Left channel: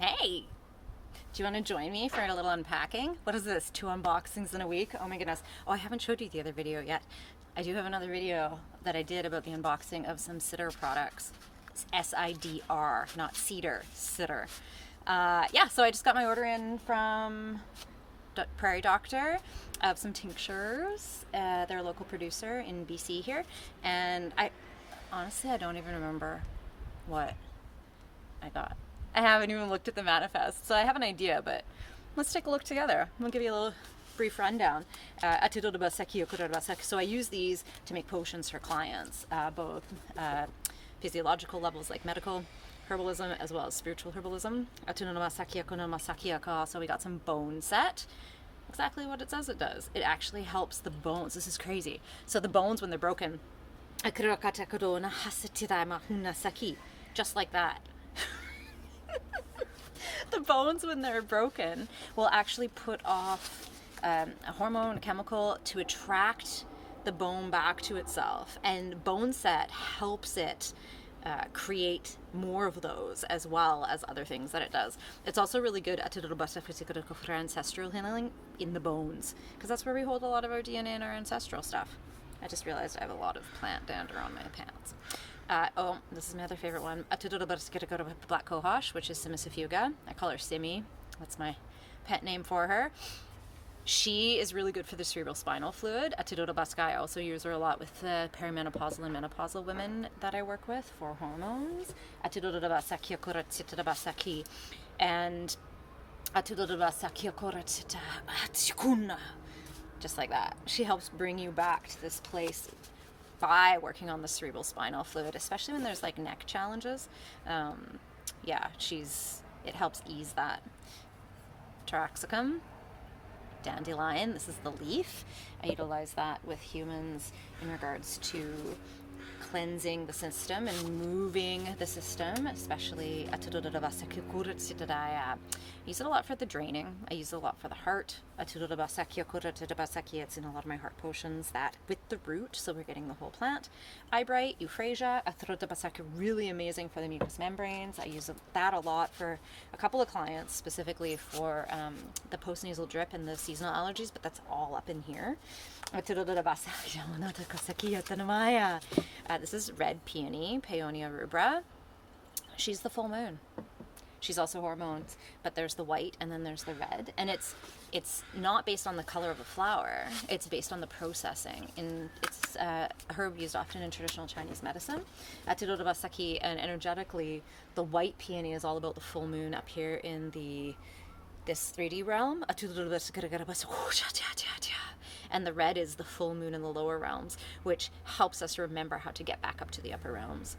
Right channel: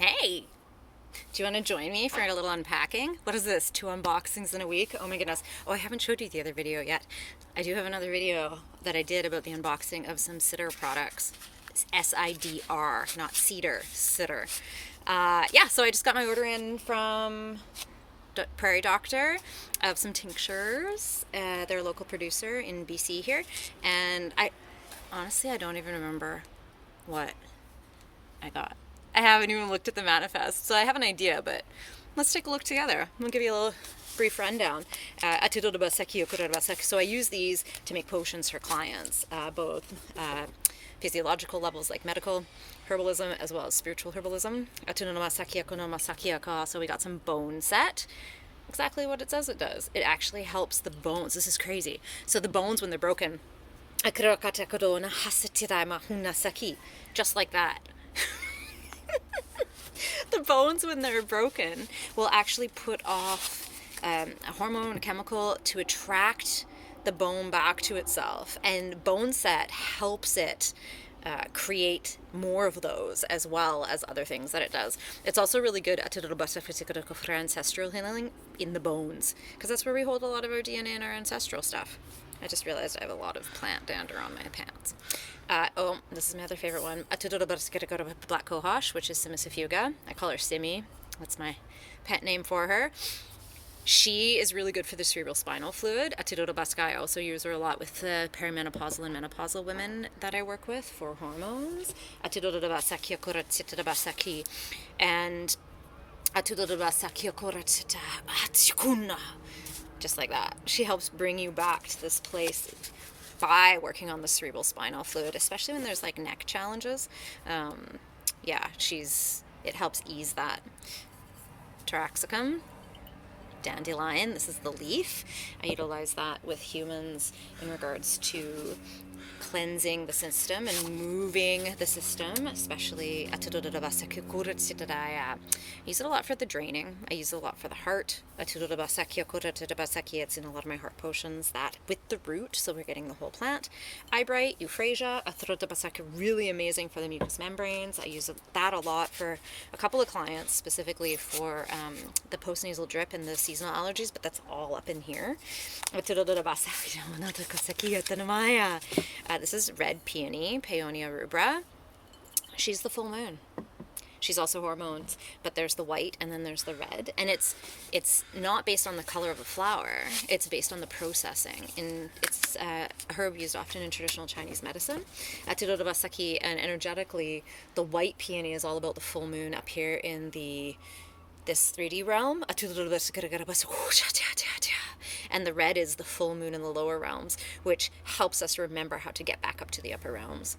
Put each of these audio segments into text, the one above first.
Hey, do you want to join me for a little unpacking? What is this? 2 unboxings in a week? Oh my goodness. Oh, I haven't showed you the other video yet. I do have another video that I did about the unboxing of some Sitter products. It's SIDR, not cedar, Sitter. Yeah, so I just got my order in from Prairie Doctor of some tinctures. They're a local producer in BC here. And I don't even remember what I got. I haven't even looked at the manifest, so I have an idea, but let's take a look together. I'll give you a little brief rundown. So I use these to make potions for clients, both physiological levels like medical herbalism as well as spiritual herbalism. So we got some Boneset. Exactly what it says it does. It actually helps the bones. This is crazy. So the bones, when they're broken, just like that. The bones, when they're broken, will actually put off a hormone, a chemical to attract the bone back to itself. And Boneset helps it create more of those, as well as other things that it does. It's also really good at for ancestral healing in the bones, because that's where we hold a lot of our DNA and our ancestral stuff. I just realized I have a lot of plant dander on my pants. This is my other favorite one. Black Cohosh, which is Cimicifuga. I call her Simi. That's my pet name for her. She is really good for the cerebral spinal fluid. I also use her a lot with the perimenopausal and menopausal women that I work with for hormones. And just like that. She helps bring you back to this place by working on the cerebral spinal fluid, especially when there's like neck challenges. Yeah, it helps ease that. Taraxacum, dandelion, this is the leaf. I utilize that with humans in regards to cleansing the system and moving the system, especially I use it a lot for the draining. I use it a lot for the heart. It's in a lot of my heart potions, that with the root, so we're getting the whole plant. Eyebright, euphrasia, really amazing for the mucous membranes. I use that a lot for a couple of clients, specifically for the postnasal drip and the seasonal allergies, but that's all up in here. This is red peony, paeonia rubra. She's the full moon. She's also hormones, but there's the white and then there's the red, and it's not based on the color of the flower. It's based on the processing. It's a herb used often in traditional Chinese medicine. And energetically, the white peony is all about the full moon up here in this 3D realm. And the red is the full moon in the lower realms, which helps us remember how to get back up to the upper realms.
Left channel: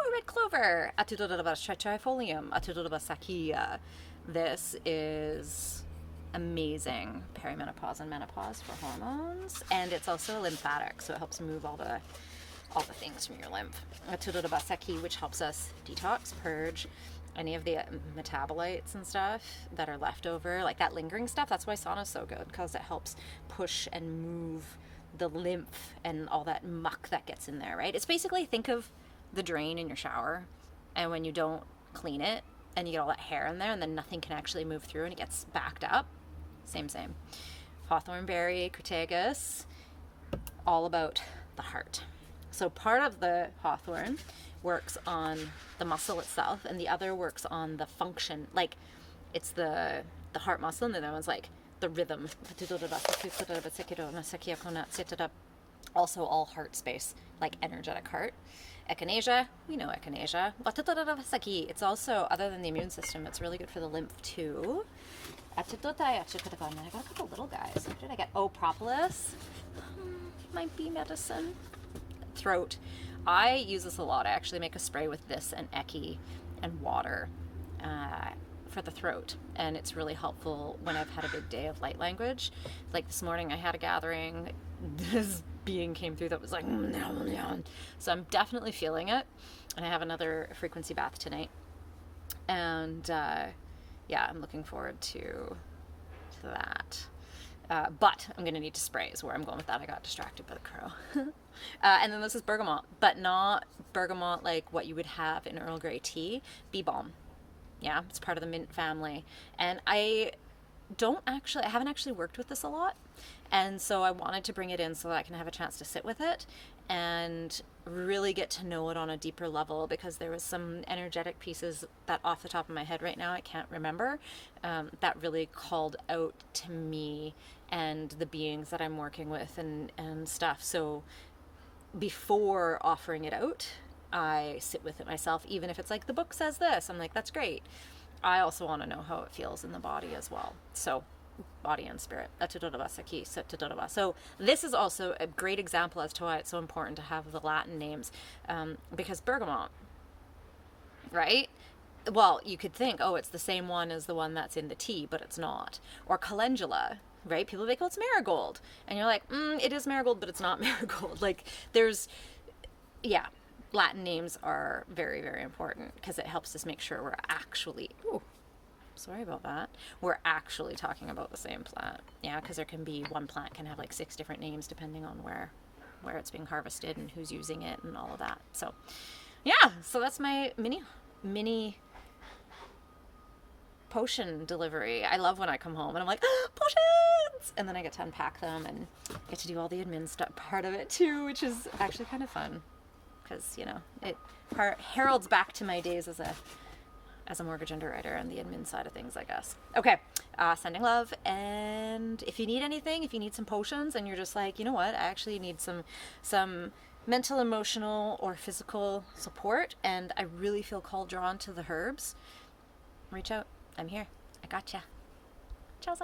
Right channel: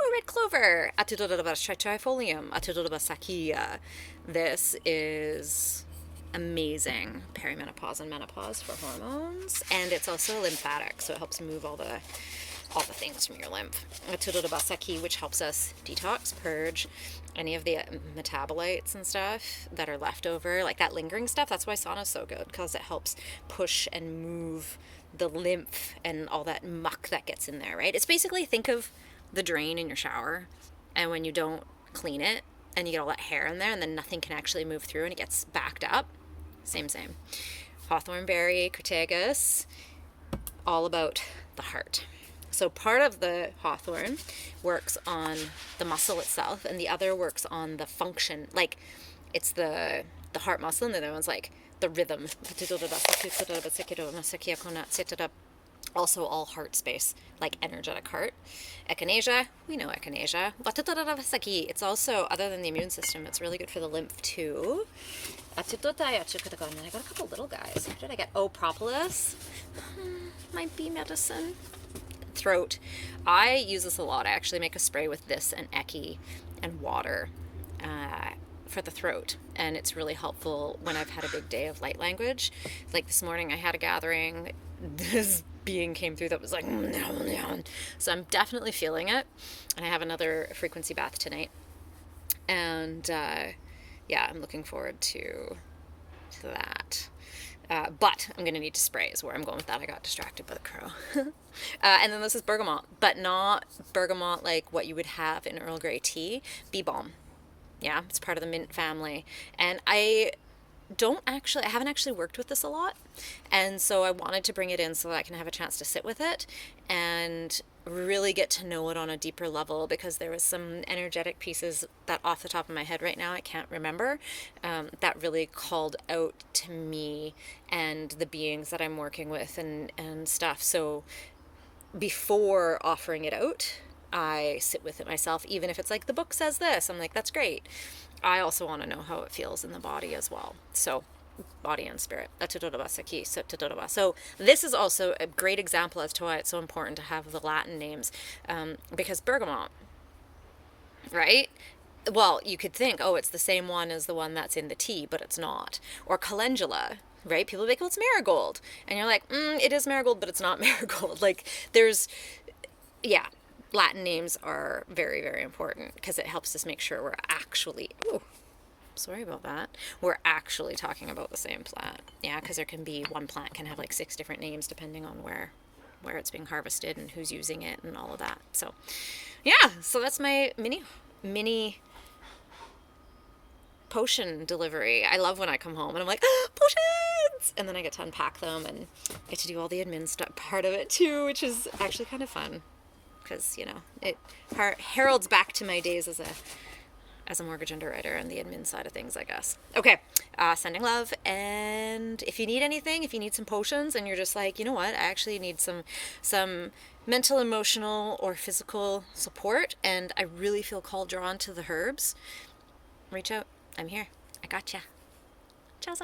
Oh, red clover. Trifolium. This is amazing perimenopause and menopause for hormones, and it's also lymphatic, so it helps move all the things from your lymph. Which helps us detox, purge any of the metabolites and stuff that are left over, like that lingering stuff. That's why sauna is so good, because it helps push and move the lymph and all that muck that gets in there, right? It's basically, think of the drain in your shower, and when you don't clean it and you get all that hair in there and then nothing can actually move through and it gets backed up. Same. Hawthorn Berry, crataegu, all about the heart. So part of the hawthorn works on the muscle itself, and the other works on the function. Like, it's the heart muscle, and the other one's like the rhythm. Also all heart space, like energetic heart. Echinacea, we know echinacea. It's also, other than the immune system, it's really good for the lymph too. I got a couple little guys. What did I get? Oh, propolis. My bee medicine. Throat. I use this a lot. I actually make a spray with this and Echi and water for the throat, and it's really helpful when I've had a big day of light language. Like this morning I had a gathering, this being came through that was like, so I'm definitely feeling it, and I have another frequency bath tonight, and yeah, I'm looking forward to that. But I'm going to need to spray is where I'm going with that. I got distracted by the crow. And then this is bergamot, but not bergamot like what you would have in Earl Grey tea. Bee balm. Yeah, it's part of the mint family. And I haven't actually worked with this a lot. And so I wanted to bring it in so that I can have a chance to sit with it and really get to know it on a deeper level, because there was some energetic pieces that off the top of my head right now I can't remember, that really called out to me and the beings that I'm working with and stuff. So before offering it out, I sit with it myself, even if it's like the book says this. I'm like, that's great. I also want to know how it feels in the body as well. So body and spirit. So this is also a great example as to why it's so important to have the Latin names, because bergamot, right? Well, you could think, oh, it's the same one as the one that's in the tea, but it's not. Or calendula, right? People be like, oh, it's marigold. And you're like, it is marigold, but it's not marigold. Like, yeah, Latin names are very, very important because it helps us make sure we're actually, sorry about that, we're actually talking about the same plant. Yeah, because there can be, one plant can have like 6 different names depending on where it's being harvested and who's using it and all of that. So yeah, so that's my mini potion delivery. I love when I come home and I'm like, potions! And then I get to unpack them and get to do all the admin stuff part of it too, which is actually kind of fun. Because, you know, it heralds back to my days as a mortgage underwriter and the admin side of things, I guess. Okay, sending love. And if you need anything, if you need some potions and you're just like, you know what, I actually need some mental, emotional, or physical support, and I really feel drawn to the herbs, reach out. I'm here. I gotcha. Ciao.